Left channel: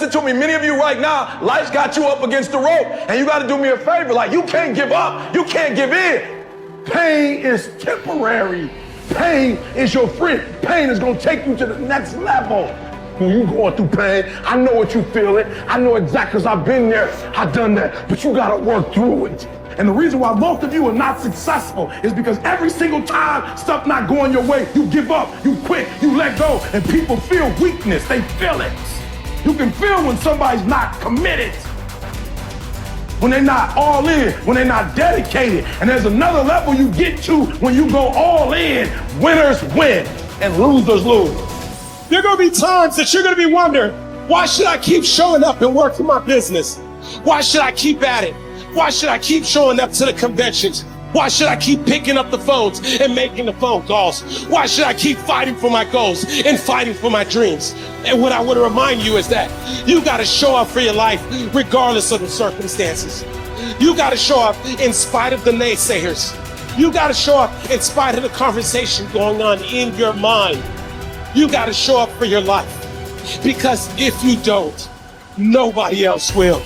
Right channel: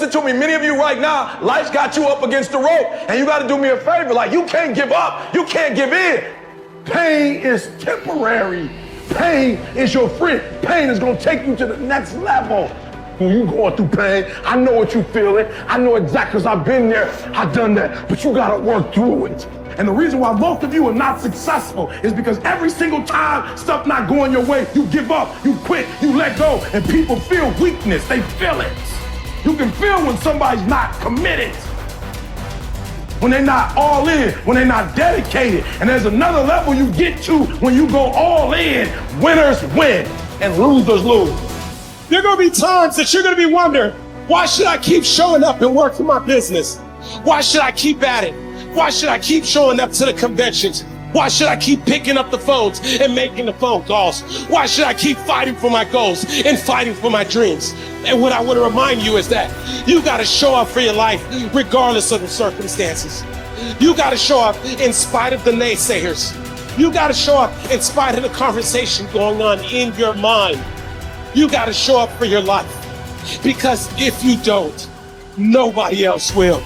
listen to me. Many of you right now, life's got you up against the rope, and you got to do me a favor. Like, you can't give up. You can't give in. Pain is temporary. Pain is your friend. Pain is going to take you to the next level. When you going through pain, I know what you feeling. I know exactly, because I've been there. I've done that. But you got to work through it. And the reason why most of you are not successful is because every single time stuff not going your way, you give up, you quit, you let go, and people feel weakness. They feel it. You can feel when somebody's not committed, when they're not all in, when they're not dedicated. And there's another level you get to when you go all in. Winners win and losers lose. There are going to be times that you're going to be wondering, why should I keep showing up and working my business? Why should I keep at it? Why should I keep showing up to the conventions? Why should I keep picking up the phones and making the phone calls? Why should I keep fighting for my goals and fighting for my dreams? And what I want to remind you is that you got to show up for your life regardless of the circumstances. You got to show up in spite of the naysayers. You got to show up in spite of the conversation going on in your mind. You got to show up for your life, because if you don't, nobody else will.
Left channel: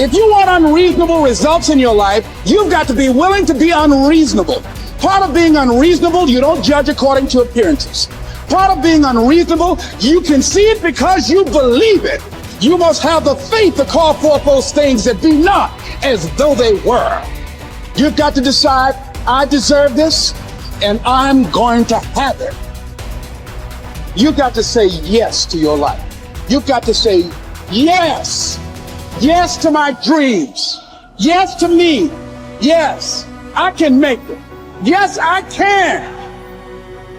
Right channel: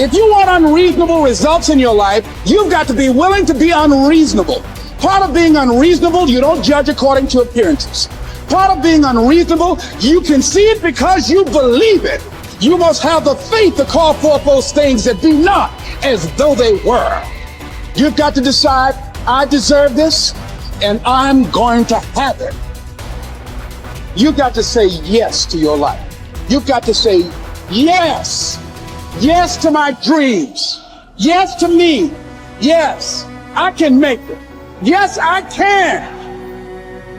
If you want unreasonable results in your life, you've got to be willing to be unreasonable. Part of being unreasonable, you don't judge according to appearances. Part of being unreasonable, you can see it because you believe it. You must have the faith to call forth those things that be not as though they were. You've got to decide, I deserve this, and I'm going to have it. You've got to say yes to your life. You've got to say yes. Yes to my dreams. Yes to me. Yes, I can make it. Yes, I can.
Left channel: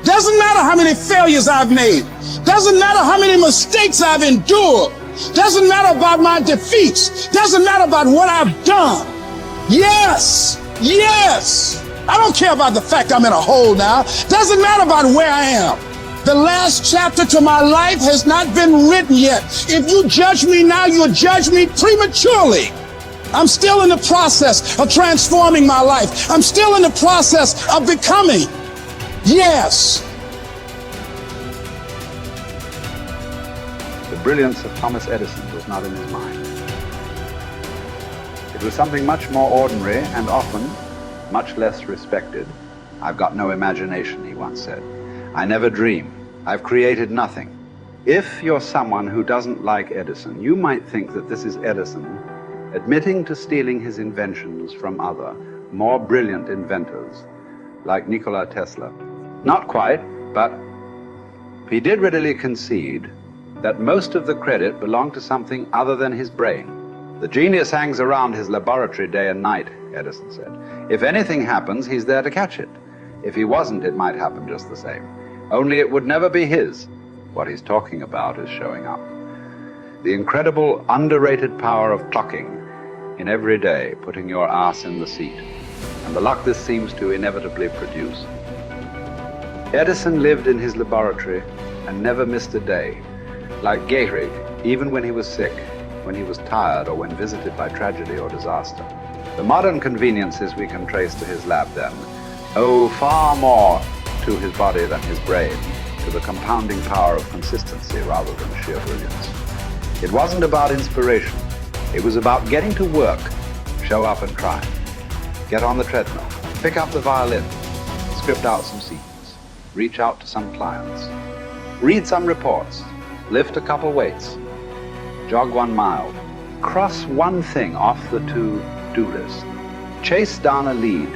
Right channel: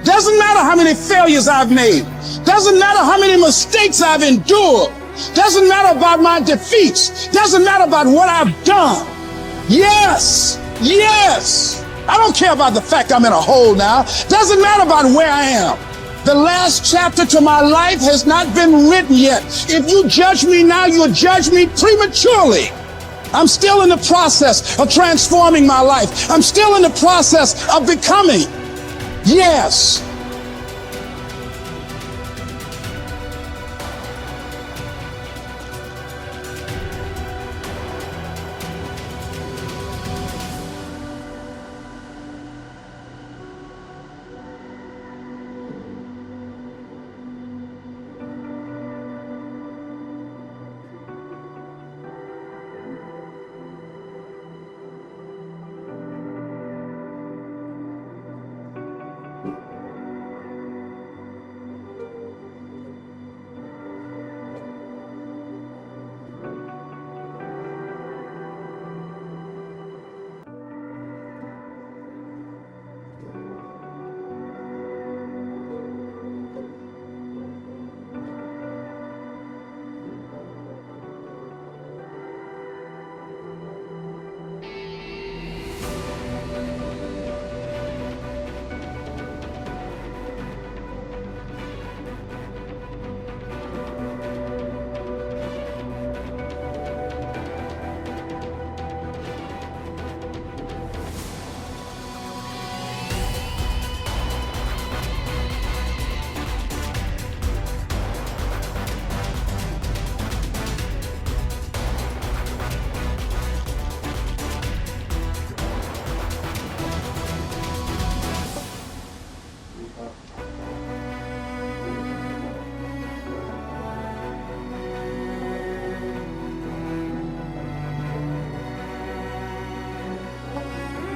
Doesn't matter how many failures I've made. Doesn't matter how many mistakes I've endured. Doesn't matter about my defeats. Doesn't matter about what I've done. Yes, yes. I don't care about the fact I'm in a hole now. Doesn't matter about where I am. The last chapter to my life has not been written yet. If you judge me now, you'll judge me prematurely. I'm still in the process of transforming my life. I'm still in the process of becoming. Yes. The brilliance of Thomas Edison was not in his mind. It was something much more ordinary and often much less respected. I've got no imagination, he once said. I never dream. I've created nothing. If you're someone who doesn't like Edison, you might think that this is Edison admitting to stealing his inventions from other, more brilliant inventors, like Nikola Tesla. Not quite, but he did readily concede that most of the credit belonged to something other than his brain. The genius hangs around his laboratory day and night, Edison said. If anything happens, he's there to catch it. If he wasn't, it might happen just the same. Only it would never be his. What he's talking about is showing up. The incredible, underrated power of clocking in every day, putting your ass in the seat, and the luck this seems to inevitably produce. Edison lived in his laboratory and never missed a day. Like Gehrig, even when he was sick, when he was tired, or when visited by tragedy or disaster. The modern conveniences we can trace to his lab then owe far more to his body than his brain, to the compounding power of consistency rather than sheer brilliance. It wasn't about inspiration. It was about getting to work, show up and try. Get on the treadmill, pick up the violin, script out some sequence, reach out to some clients, read some reports, lift a couple weights, jog 1 mile, cross one thing off the to-do list, chase down a lead.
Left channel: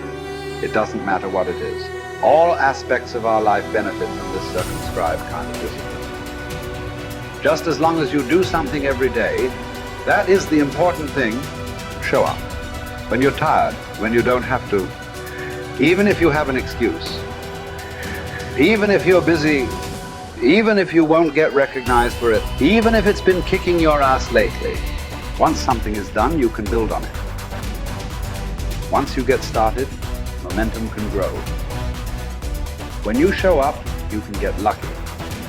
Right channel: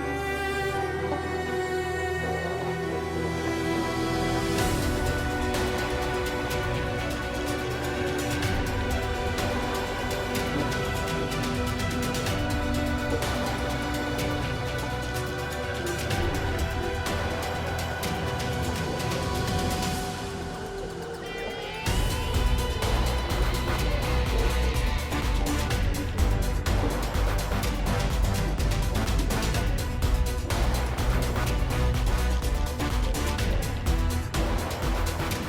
It doesn't matter what it is. All aspects of our life benefit from this circumscribed kind of wisdom. Just as long as you do something every day, that is the important thing. Show up. When you're tired, when you don't have to, even if you have an excuse, even if you're busy, even if you won't get recognized for it, even if it's been kicking your ass lately, once something is done, you can build on it. Once you get started, momentum can grow. When you show up, you can get lucky.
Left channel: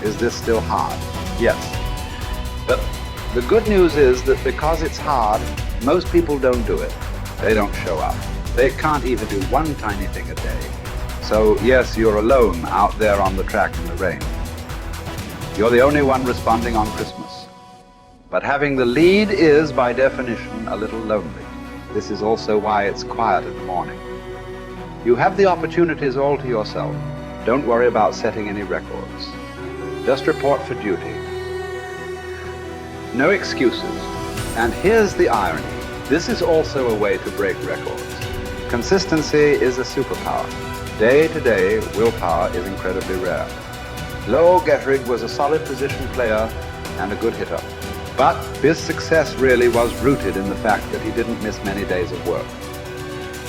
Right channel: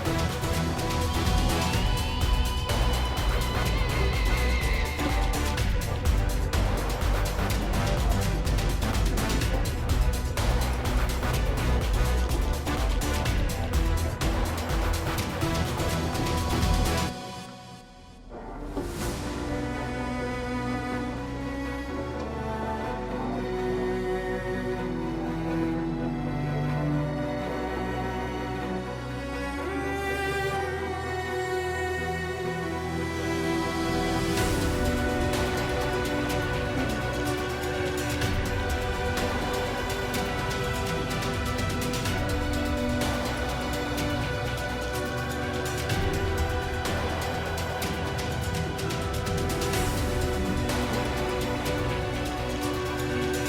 Is this still hard? Yes. But the good news is that because it's hard, most people don't do it. They don't show up. They can't even do one tiny thing a day. So yes, you're alone out there on the track in the rain. You're the only one responding on Christmas. But having the lead is, by definition, a little lonely. This is also why it's quiet in the morning. You have the opportunities all to yourself. Don't worry about setting any records. Just report for duty. No excuses. And here's the irony. This is also a way to break records. Consistency is a superpower. Day to day, willpower is incredibly rare. Lowell Getterig was a solid position player and a good hitter. But his success really was rooted in the fact that he didn't miss many days of work.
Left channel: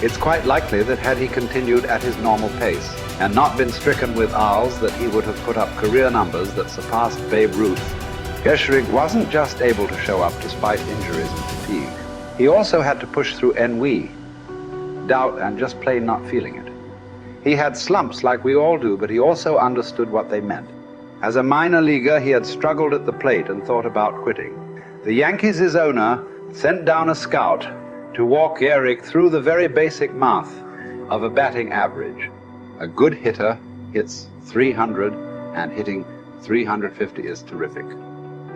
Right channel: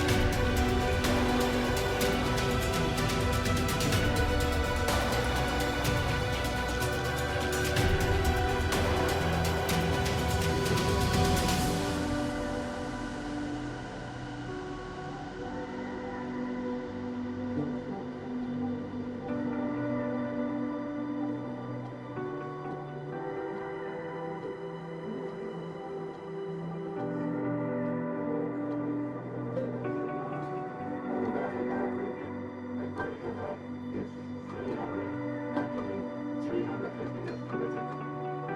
It's quite likely that had he continued at his normal pace and not been stricken with R's, that he would have put up career numbers that surpassed Babe Ruth. Getterig wasn't just able to show up despite injuries and fatigue. He also had to push through ennui, doubt, and just plain not feeling it. He had slumps like we all do, but he also understood what they meant. As a minor leaguer, he had struggled at the plate and thought about quitting. The Yankees' owner sent down a scout to walk Gehrig through the very basic math of a batting average. A good hitter hits 300, and hitting 350 is terrific.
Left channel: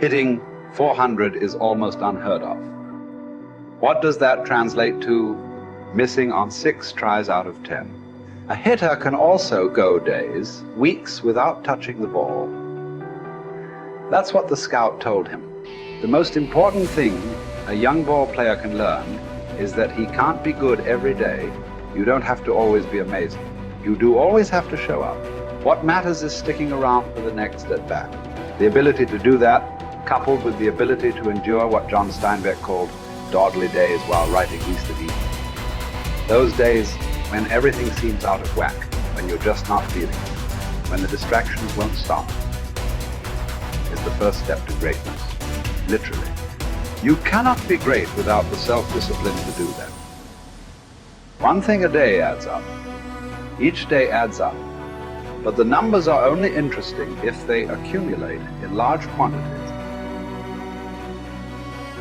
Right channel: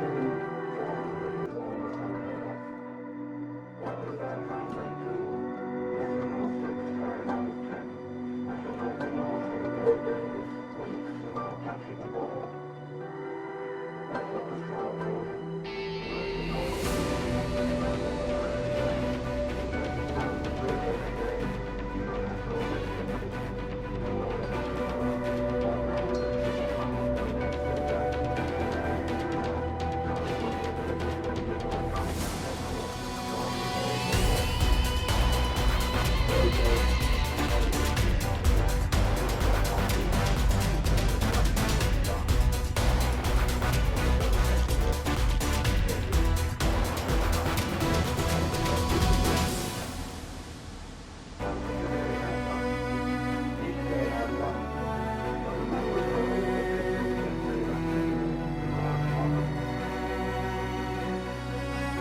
Hitting 400 is almost unheard of. What does that translate to? Missing on 6 tries out of 10. A hitter can also go days, weeks without touching the ball. That's what the scout told him. The most important thing a young ball player can learn is that he can't be good every day. You don't have to always be amazing. You do always have to show up. What matters is sticking around for the next at-bat. The ability to do that, coupled with the ability to endure what John Steinbeck called dawdly days while writing Easter Eve. Those days when everything seems out of whack, when you're just not feeling it, when the distractions won't stop, is the first step to greatness, literally. You cannot be great without the self-discipline to do that. One thing a day adds up. Each day adds up. But the numbers are only interesting if they accumulate in large quantities.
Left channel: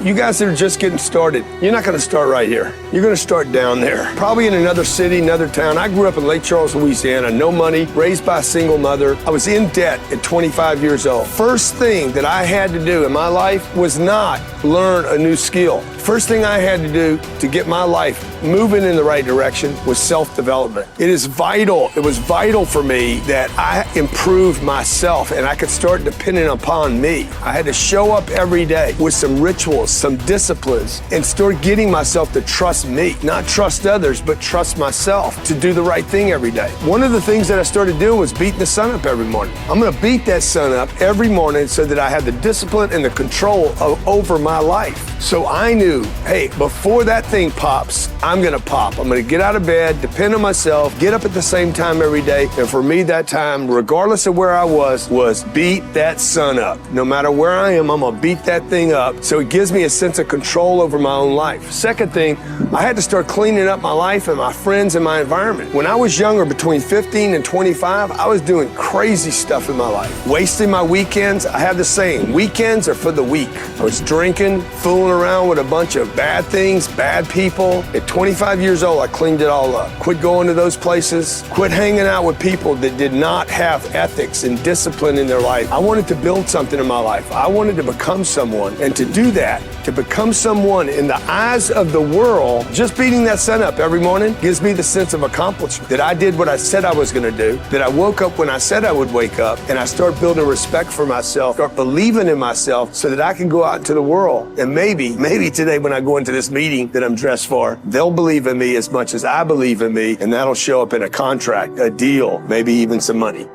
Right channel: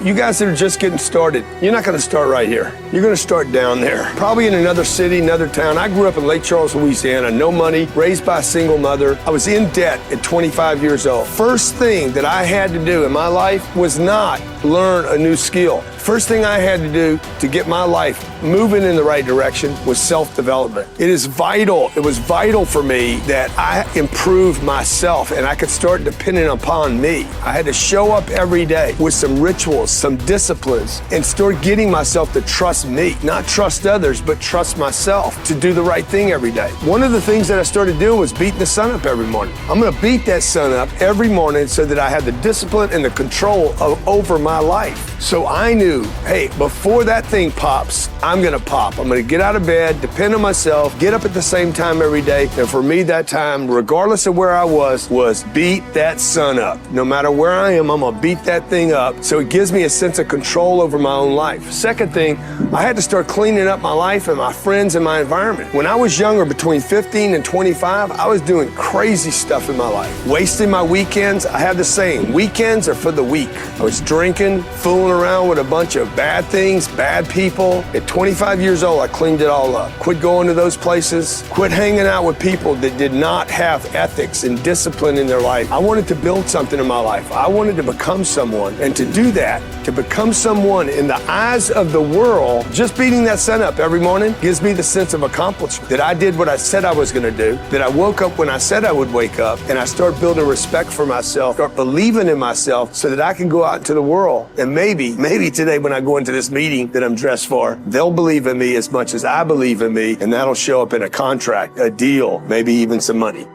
You guys that are just getting started, you're not going to start right here. You're going to start down there, probably in another city, another town. I grew up in Lake Charles, Louisiana, no money, raised by a single mother. I was in debt at 25 years old. First thing that I had to do in my life was not learn a new skill. First thing I had to do to get my life moving in the right direction was self-development. It is vital. It was vital for me that I improved myself and I could start depending upon me. I had to show up every day with some rituals, some disciplines, and start getting myself to trust me, not trust others, but trust myself to do the right thing every day. One of the things that I started doing was beating the sun up every morning. I'm going to beat that sun up every morning so that I have the discipline and the control over my life. So I knew, hey, before that thing pops, I'm going to pop. I'm going to get out of bed, depend on myself, get up at the same time every day. And for me, that time, regardless of where I was beat that sun up. No matter where I am, I'm going to beat that thing up. So it gives me a sense of control over my own life. Second thing, I had to start cleaning up my life and my friends and my environment. When I was younger, between 15 and 25, I was doing crazy stuff in my life. Wasting my weekends. I have the saying, weekends are for the weak. I was drinking, fooling around with a bunch of bad things, bad people. At 25 years old, I cleaned it all up. Quit going to those places. Quit hanging out with people that did not have ethics and discipline in their life. I wanted to build something in my life. I wanted to become someone. And to do that, to become someone in the eyes of the world, just beating that sun up every morning gives me the sense of accomplishment. That I did what I said I was going to do. That I woke up when I said I would wake up. And I start building respect for myself, start believing in myself so that I can go out into the world. And maybe today when I go into this meeting that I'm dressed for, they'll believe in me as much as I believe in me. And that'll show up in a contract, a deal, maybe even some money.